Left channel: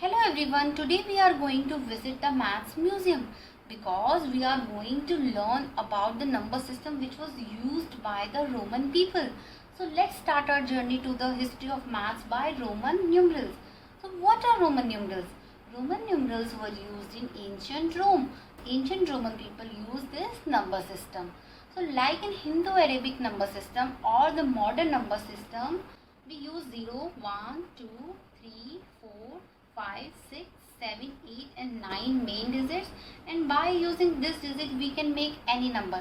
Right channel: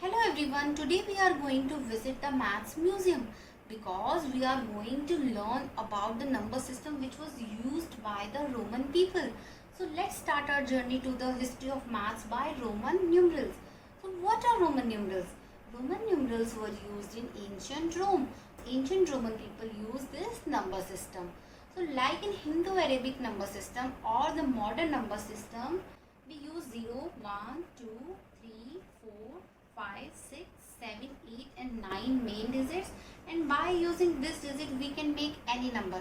Hello everyone, today we are going to visit the Maths Museum because we are going to learn about the number system which was used by the Roman people. So let's start our journey to the history of maths by Roman numerals. So what are Roman numerals? Roman numerals were used in ancient Rome. Ancient Roman people used this number system. So like in Hindu-Arabic number system or the modern number system, we use 0, 1, 2, 3, 4, 5, 6, 7, 8 and 9 main digits, and by using this digit we can make any number.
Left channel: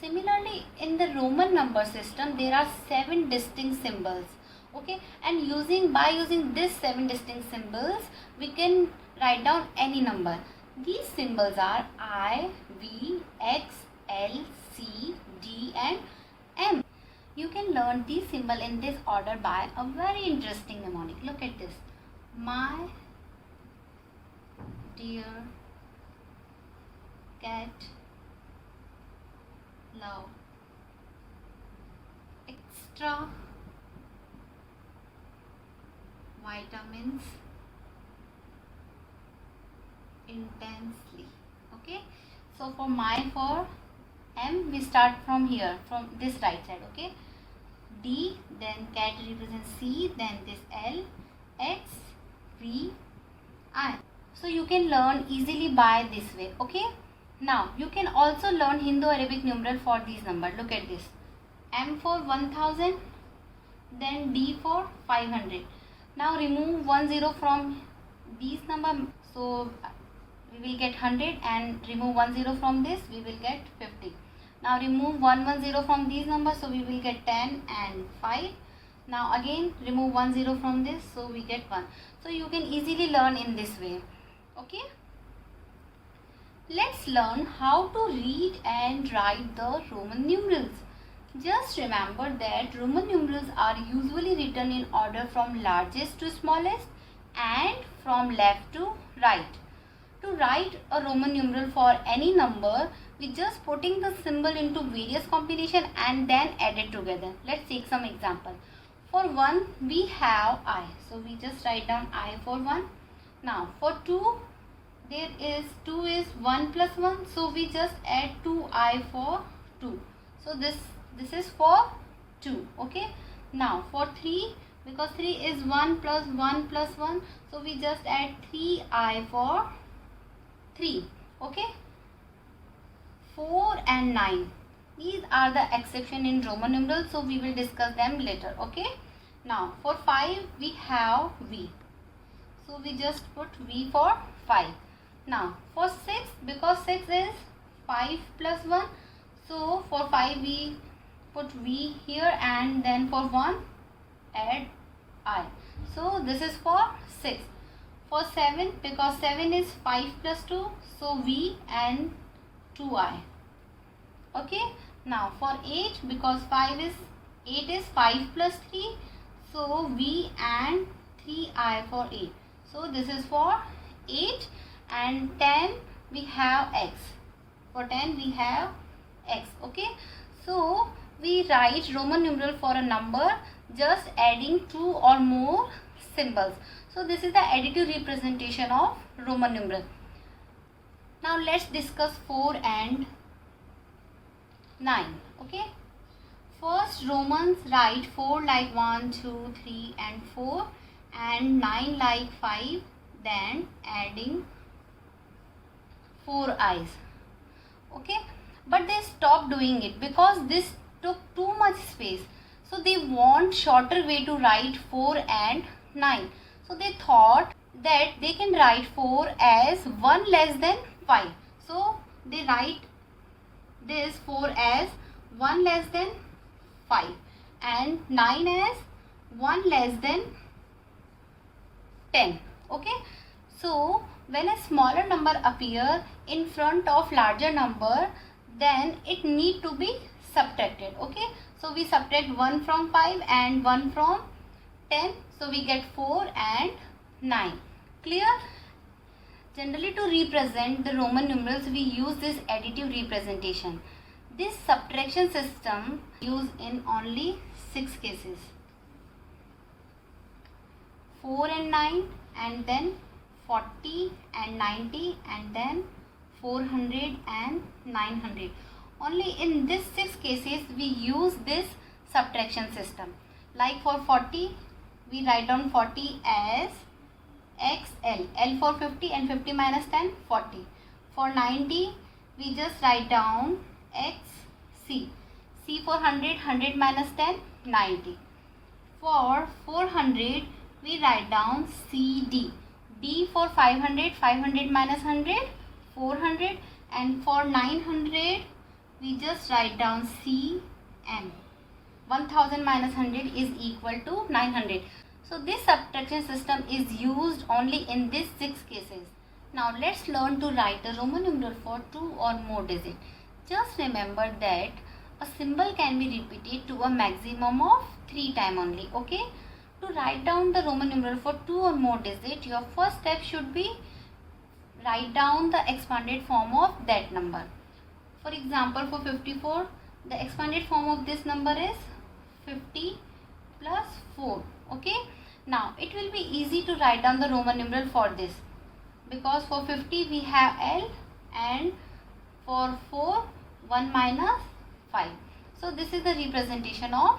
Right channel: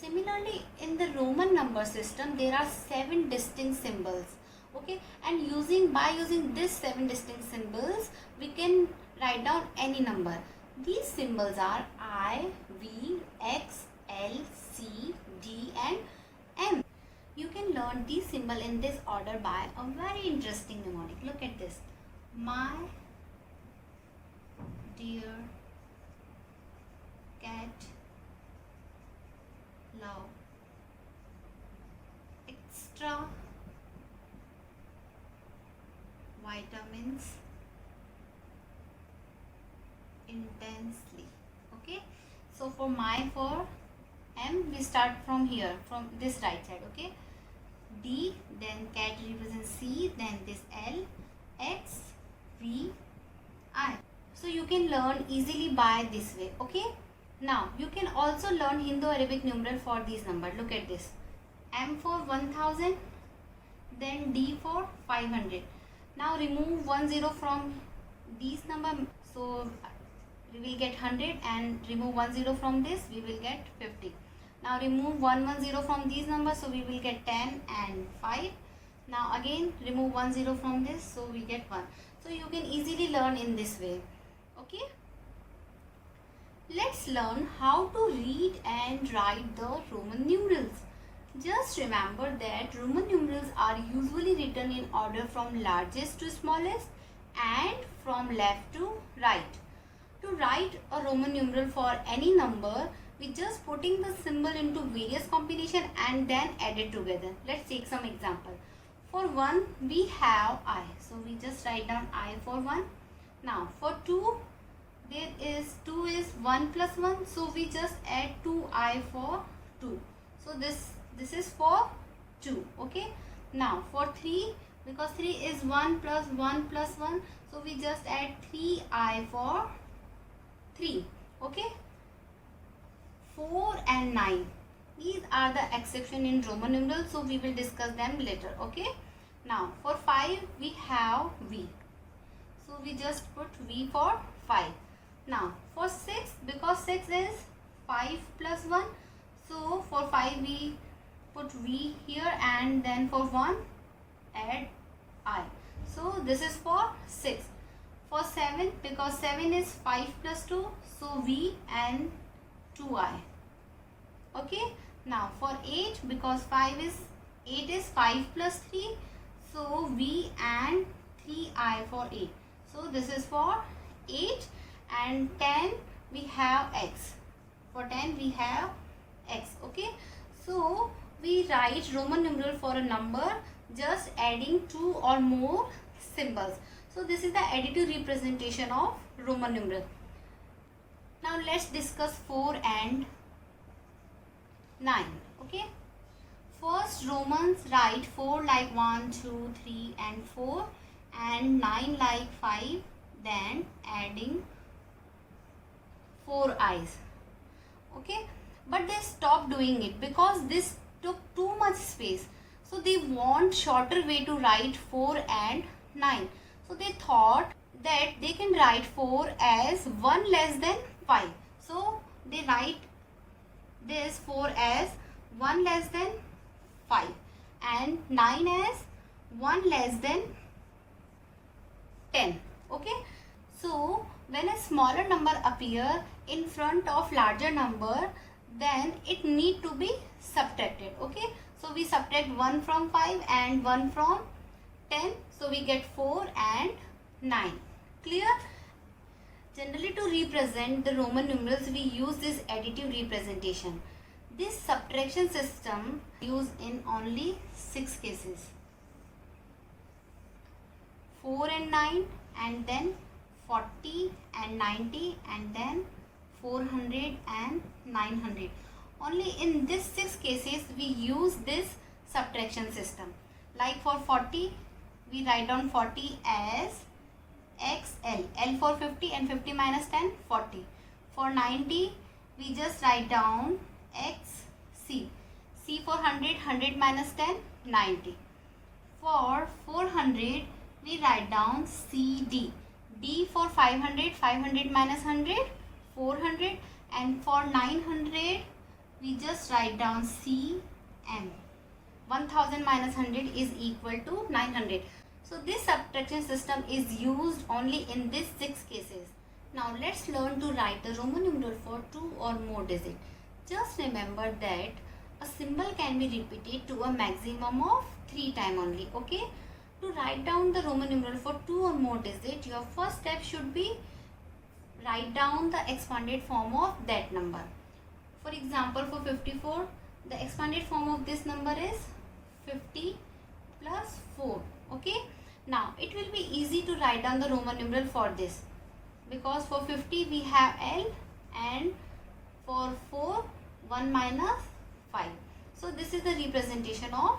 Similarly, in the Roman number system there are 7 distinct symbols. Okay, and by using these 7 distinct symbols we can write down any number. These symbols are I, V, X, L, C, D and M. You can learn these symbols in this order by a very interesting mnemonic. Look at this. My dear cat love extra vitamins intensely. Okay, so for M we start from here, from this right side. Okay, D, then cat represents C, then this L, X, V, I. So you can learn easily by this way. Okay, now you can also learn Hindu-Arabic numeral for these numbers. Look at this. M for 1000, then D for 500. Now remove 10 from these number, so we will get 100, and remove 10 from this, we will get 50. Now remove 110 from these numbers, so we will get 10 and 5. Now again remove 10 from this, so we get 1. So you can easily learn in this way. Okay, let's learn how to read and write the Roman numerals. Just remember that Roman numerals are usually written in order from largest to smallest and from left to right. To write a Roman numeral for any number, we just putting the symbol into various combination and then add it together. Let's take some example. For 1 we have I, so we just write down I for 1. Now for 2, there is 2 is 1 plus 1, so we just add 2I for 2. So this is for 2. Okay, now for 3, because 3 is 1 plus 1 plus 1, so we just add 3I for 3. Okay, 4 and 9, these are the exception in Roman numerals, so we will discuss them later. Okay, now for 5 we have V, so we just put V for 5. Now for 6, because 6 is 5 plus 1, so for 5 we put V here, and then for 1 add I, so this is for 6. For 7, because 7 is 5 plus 2, so V and 2I. Okay, now for 8, because 8 is 5 plus 3, so V and 3I for 8. So this is for 8. And 10 we have X. For 10 we have X. Okay, so we write Roman numeral for a number just adding 2 or more symbols. So this is the additive representation of Roman numeral. Now let's discuss 4 and 9. Okay, first Romans write 4 like 1, 2, 3 and 4, and 9 like 5, then adding 4 I's. Okay, but they stopped doing it because this took too much space, so they want shorter way to write 4 and 9. So they thought that they can write 4 as 1 less than 5, so they write this 4 as 1 less than 5 and 9 as 1 less than 10. Okay, so when a smaller number appear in front of larger number, then it need to be subtracted. Okay, so we subtract 1 from 5 and 1 from 10, so we get 4 and 9. Clear? Generally, to represent the Roman numerals, we use this additive representation. This subtraction system used in only 6 cases. 4 and 9, and then 40 and 90 and then 400 and 900. Only in these 6 cases we use this subtraction system. Like for 40 we write down 40 as XL, L for 50 and 50 minus 10, 40. For 90 we just write down XC, C for 100, 100 minus 10, 90. For 400 we write down CD, D for 500, 500 minus 100, 400, and for 900 we just write down CN. 1000 minus 100 is equal to 900. So this subtraction system is used only in these 6 cases. Now let's learn to write the Roman numeral for 2 or more digits. Just remember that a symbol can be repeated to a maximum of 3 times only. Okay? To write down the Roman numeral for 2 or more digits, your first step should be write down the expanded form of that number. For example, for 54, the expanded form of this number is 50 plus 4. Okay? Now, it will be easy to write down the Roman numeral for this, because for 50 we have L and for 4 1 minus 5. So, this is the representation of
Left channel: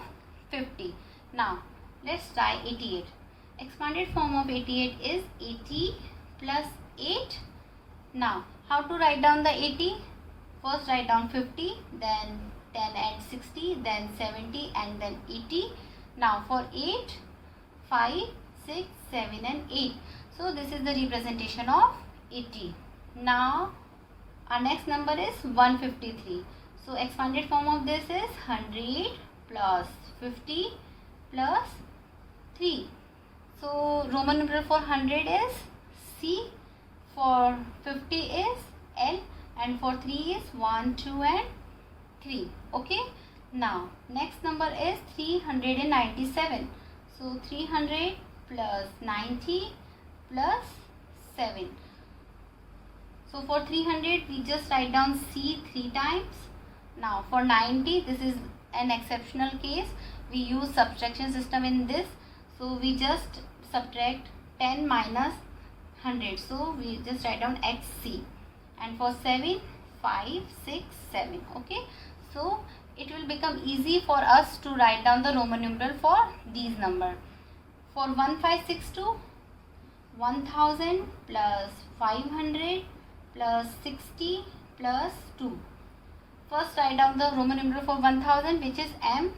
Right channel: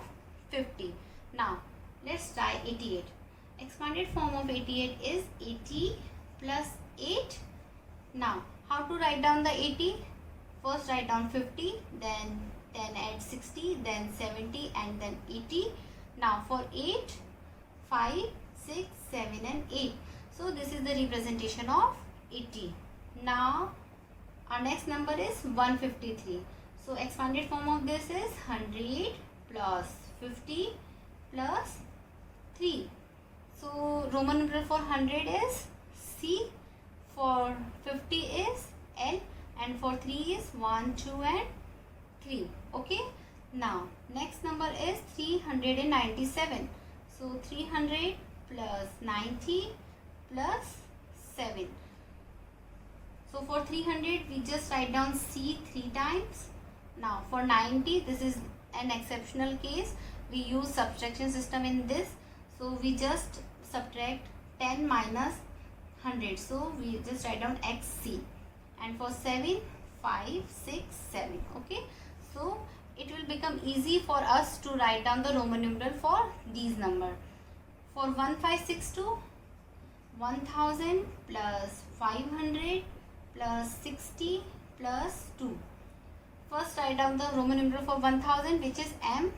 50. Now, let's try 88. Expanded form of 88 is 80 plus 8. Now, how to write down the 80? First write down 50, then 10 and 60, then 70 and then 80. Now for 8, 5, 6, 7 and 8. So this is the representation of 80. Now our next number is 153. So expanded form of this is 100 plus 50 plus 3. So Roman numeral for 100 is C, for 50 is L, and for 3 is 1, 2 and 3. Okay. Now next number is 397. So 300 plus 90 plus 7. So for 300 we just write down C 3 times. Now for 90, this is an exceptional case. We use subtraction system in this. So we just subtract 10 minus 100. So we just write down XC. And for 7, 5, 6, 7. Okay. So it will become easy for us to write down the Roman numeral for these numbers. For 1562, 1000 plus 500 plus 60 plus 2. First write down the Roman numeral for 1000, which is M.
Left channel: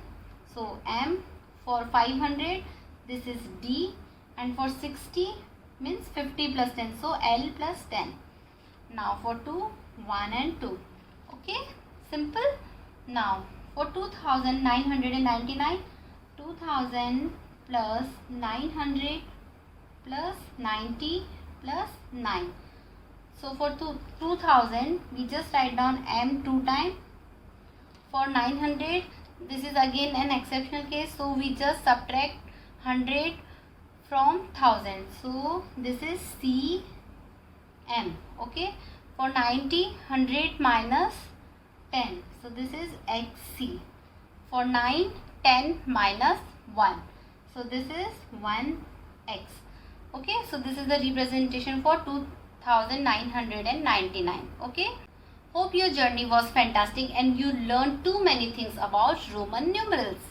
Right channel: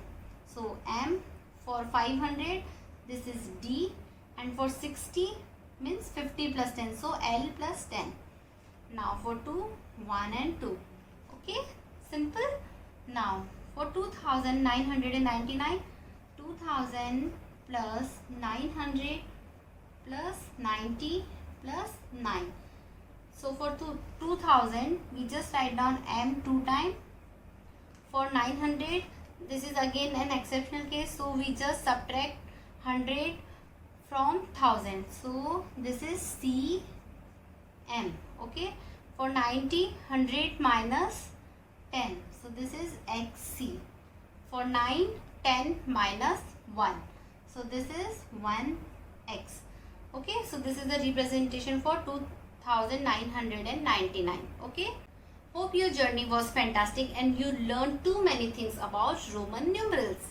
So M. For 500, this is D, and for 60 means 50 plus 10. So L plus 10. Now for 2, 1 and 2. Okay, simple. Now for 2999, 2000 plus 900 plus 90 plus 9. So for 2000 we just write down M 2 times. For 900, this is again an exceptional case, so we just subtract 100 from 1000. So this is C M. Okay. For 90, 100 minus 10. So this is XC. For 9, 10 minus 1. So this is 1x. Okay. So this is the representation for 2999. Okay. Hope your journey was fantastic and you learned too many things about Roman numerals.